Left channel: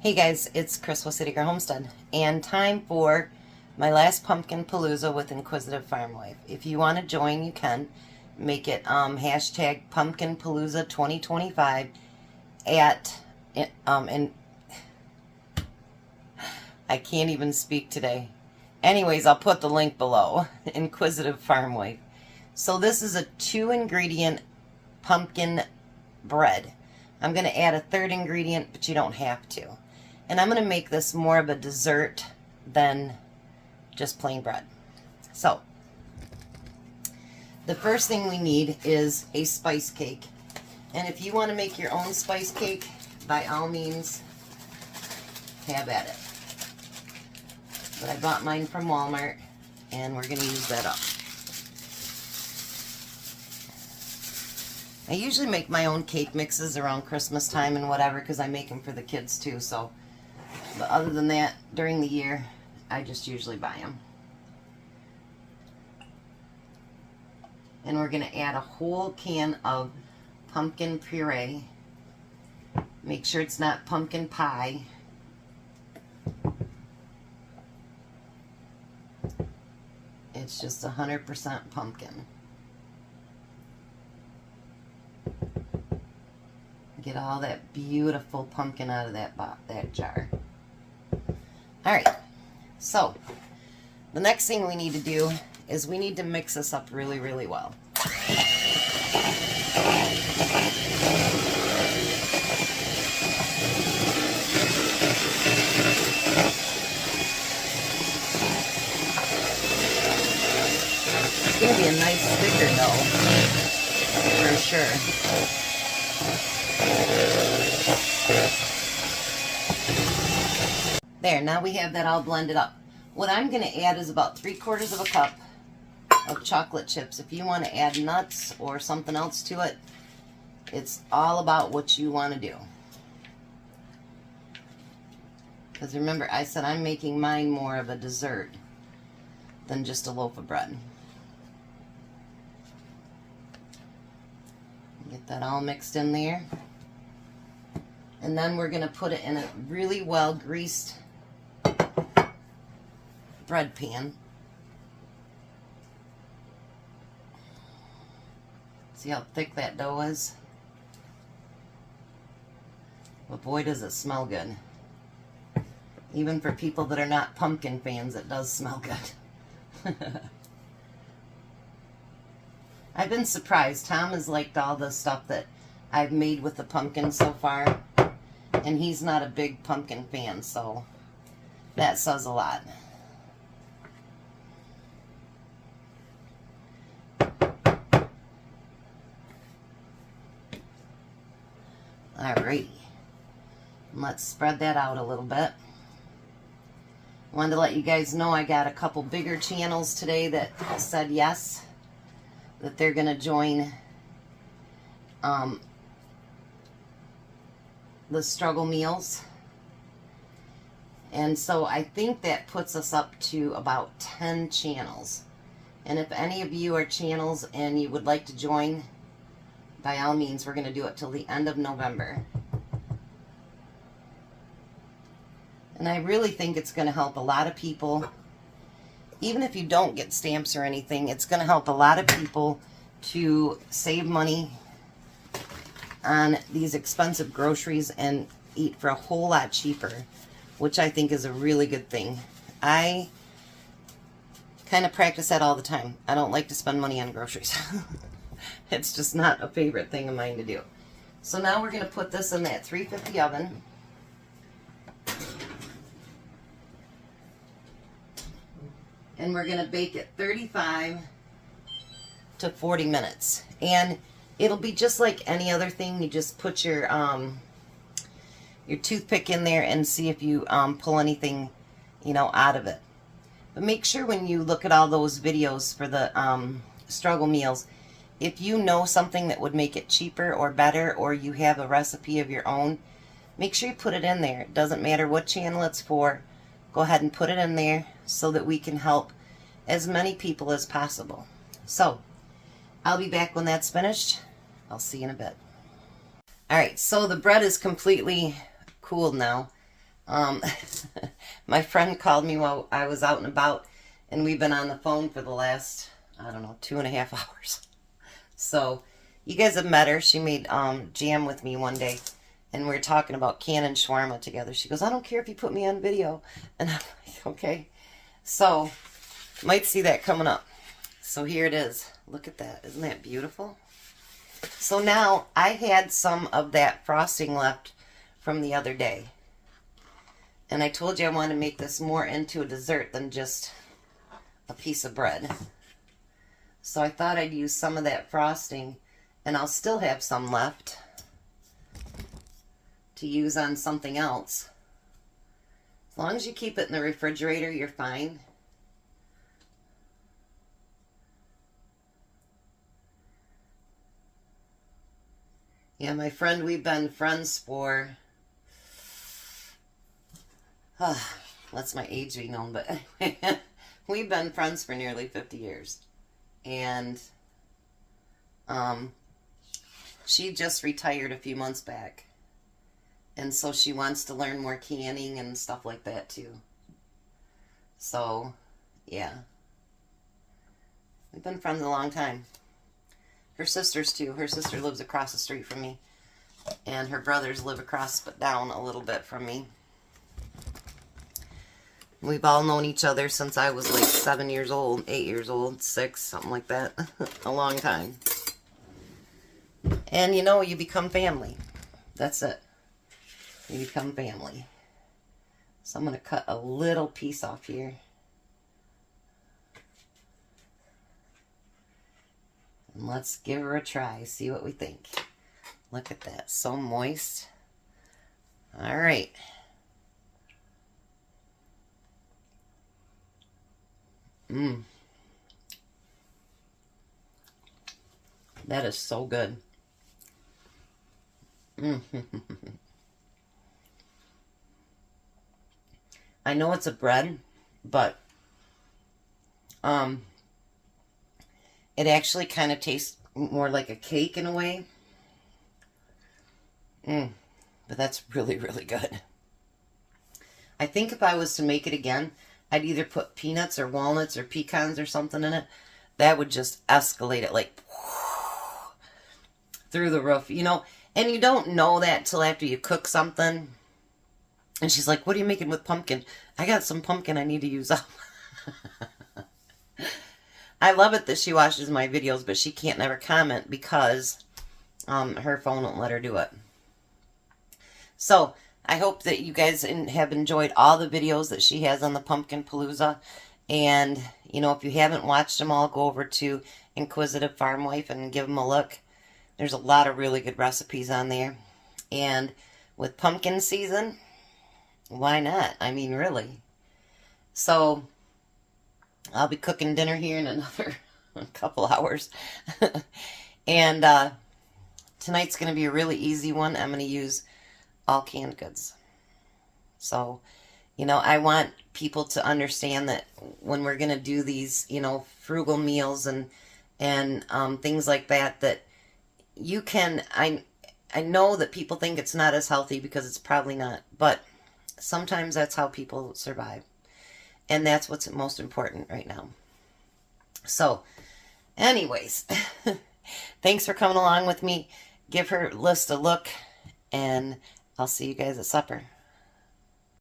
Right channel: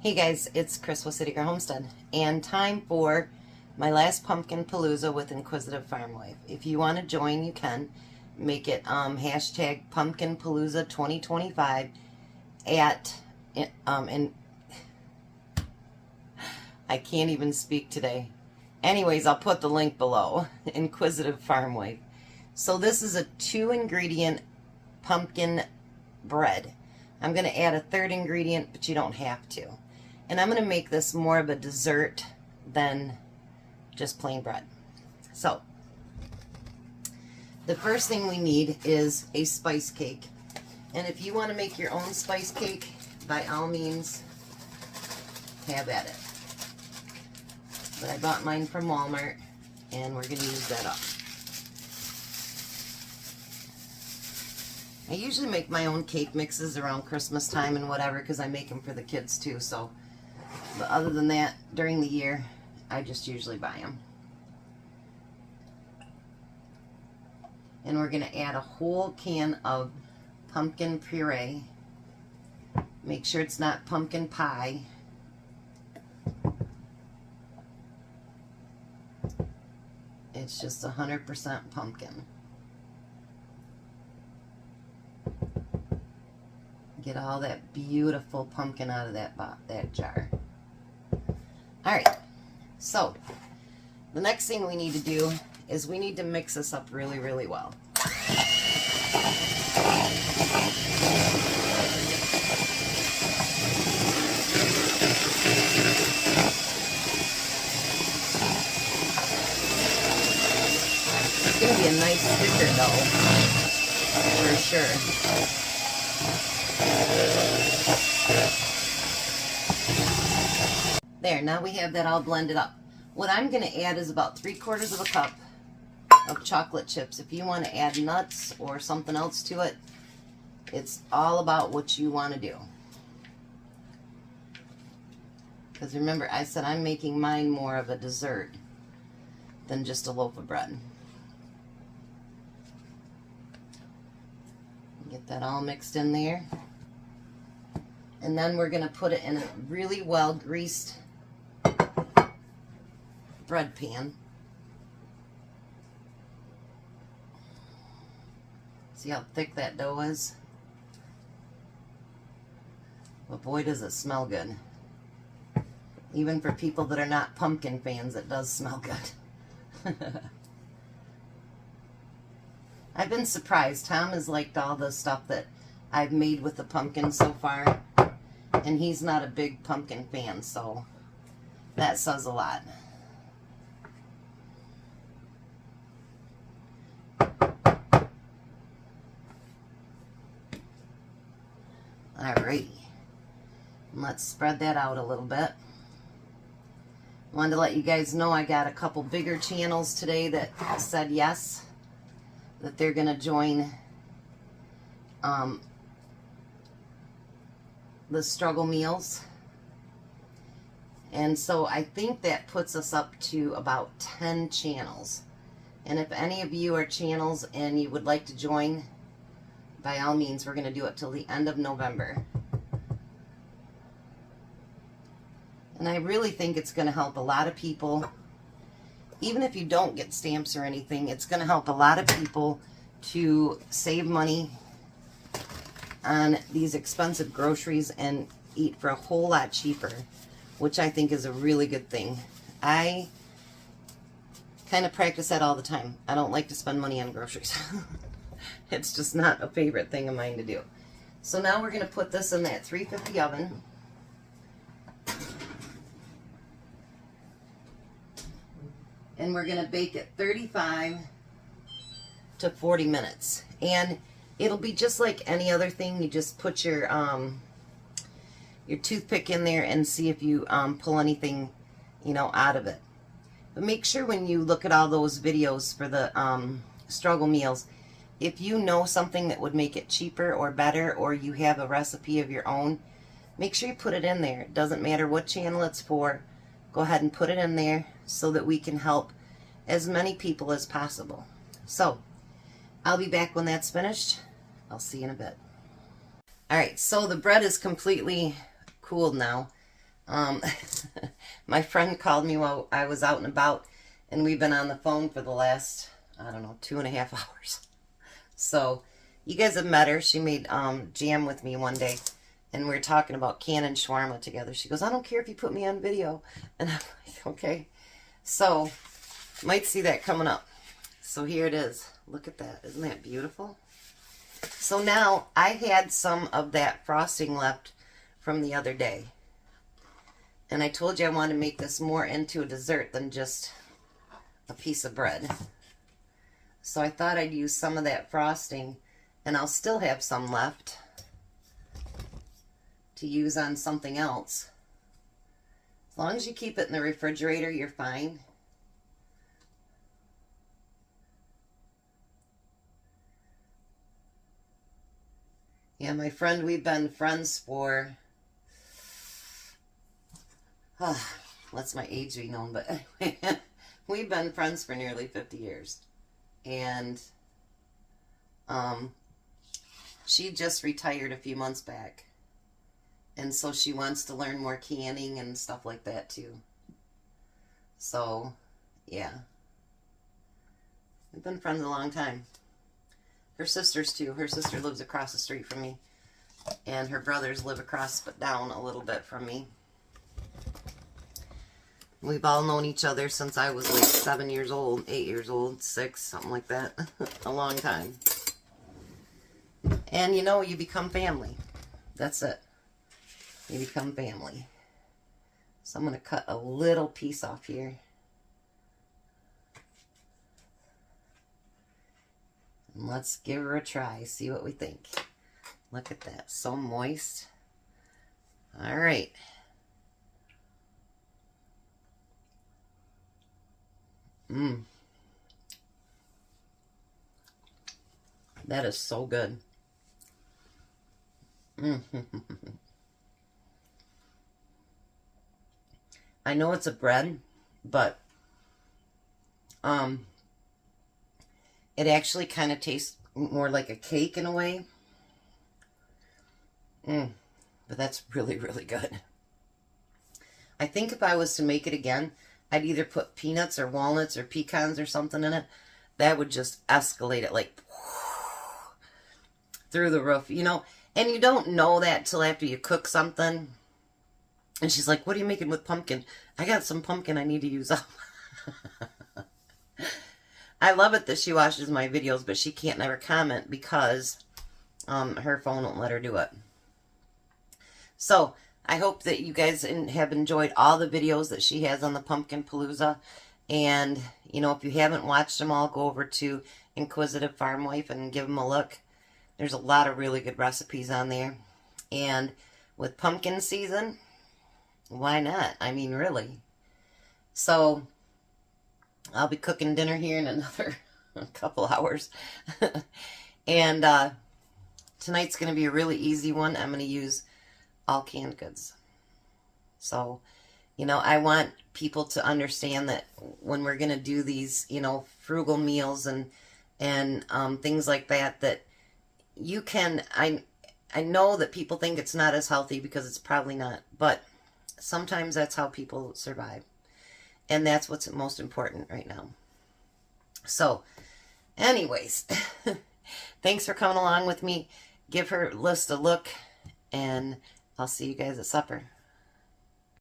Hey guys, it's Chris with City Girl Homestead, and time for my last Pumpkin Palooza with Inquisitive Farm Wife. If you want to join, you can. Make it hashtag Pumpkin Palooza 2025 at, and I can't even speak today. Anyways, I'll put the link below, Inquisitive Farm Wife. So this is a 2-ingredient pumpkin bread. I'm going to add a third ingredient, but you don't have to. And I'm going to make this more of a dessert than just plain bread. So, the first thing we need is a spice cake. And if you want to make your own spice cake, by all means, have at it. But I bought mine from Walmart, and we're going to use that up. I usually make my own cake mixes around Christmas time and whatever, because I make them for the kids too, so. But other than that, during the year, I just usually buy them. And we're going to add a whole can of pumpkin puree. Make sure it's not pumpkin pie. It's just 100% pumpkin. Get all that beautiful pumpkin out of that jar. Alright, so the next thing we need to do is we need to mix this up really, really well. It's going to be a nice sticker though, for sure. There, now we have that all blended up. What I'm going to add is about 3/4 of a cup of chocolate chips. If you want to add nuts or something else to it, it's all about what you want to do. Because remember, I said I'm making mine more of a dessert than just a loaf of bread. Get that all mixed in there. And then we're going to put it in a really well greased bread pan. See how thick that dough is? But boy, does it smell good. Even for people that are not pumpkin fans, it does smell good. I've been surprised. Tom has liked all the stuff that I've made with the pumpkin so far. And he's not a big pumpkin fan, so that says a lot. Alrighty. Let's spread that out a little bit. Wanted to let you guys know I got a couple bigger channels today that said yes, that they're going to join the struggle meals. And so I think that puts us up to about 10 channels. And if any of you are channels and you would like to join, by all means, we're going to do it till the end of November. And I really think it's going to help a lot of people. Even if you don't get stamps or anything, it's going to help a lot of people to save money on these expensive groceries and eat for a whole lot cheaper, which I think is a really good thing. I kind of practice that all the time. I don't like to spend money on groceries. It's just not a favorite thing of mine to do. So now we're going to put this in that 350 oven. And we're going to bake it 35 to 40 minutes. And it'll be just like any other thing. You just put your toothpick in there and see if you pull anything, you know, out of it. But make sure when you look at all those videos for the struggle meals, if you know something that would make it cheaper or better, or you have a recipe of your own, make sure you put it in there. It doesn't matter what channel it's for. Go ahead and put it in there so that we can help as many people as possible. So, I'll be back when that's finished. I'll see you in a bit. Alright, so the bread is completely cooled now. Um, my friend called me while I was out and about, and we've been on the phone for the last, I don't know, 2.5 hours. So, you guys have met her. She made jam with me one day, and we were talking about canning shawarma together. She goes, I don't care if you put me on video. And I'm like, okay. So, might see that coming up. So here it is. Look at that. Isn't that beautiful? So now, I had some of that frosting left from the other day. And I told you I wanted to make this more into a dessert than just a piece of bread. So I thought I'd use some of that frosting, and I'll still have some left to use on something else. As long as you keep it in the refrigerator, you're fine. Yeah, my friend, we've been friends for, lets my age be known, but we've been friends for nearly 50 years. And she just retired a few months back. And so she wants to learn more canning and stuff like that too. So, yeah. We've been friends a long time. Her sisters too. Her sister lives across the street from me. And her brothers live across but down a little bit from me. We've all known each other since I was like 7 years old, 8 years old, 6, something like that. A long time. And you know, you become family. That's it. You become family. So I'm going to cut a little piece off here. And let's give her a try. See what we think. Look at that. So moist. All right. That is so good. I know it's a bread, but it actually kind of tastes more like a cake in a way. But that's really, really good. I think if I was to make it again, I'd either put peanuts or walnuts or pecans or something in it. That would just escalate it like through the roof, you know. And you don't know that till after you cook something. And she's like, what are you making with pumpkin? I got some pumpkin I need to use up. I love it that she watches my videos, but she can't never comment because her phone won't let her do it. So, I hope that you guys have enjoyed all the videos that she has on the Pumpkin Palooza. And, you know, if you haven't watched them all, go over to Inquisitive Farm Wife and give them a look. There's a lot of really good recipes on there. And with pumpkin season, why not? I mean, really. So, I'll be cooking dinner here in another couple hours. And tonight's going to be a really easy one. I'm going to use all canned goods. So, you know, I want people to understand that when we're going to do these, you know, frugal meals and things like that, that you can, I know that people think it's not as healthy because it's probably not, but sometimes that's how people survive. And that's what's most important right now. So, anyways, thanks for coming along with me. Give her list a look, and I'll see you guys at supper.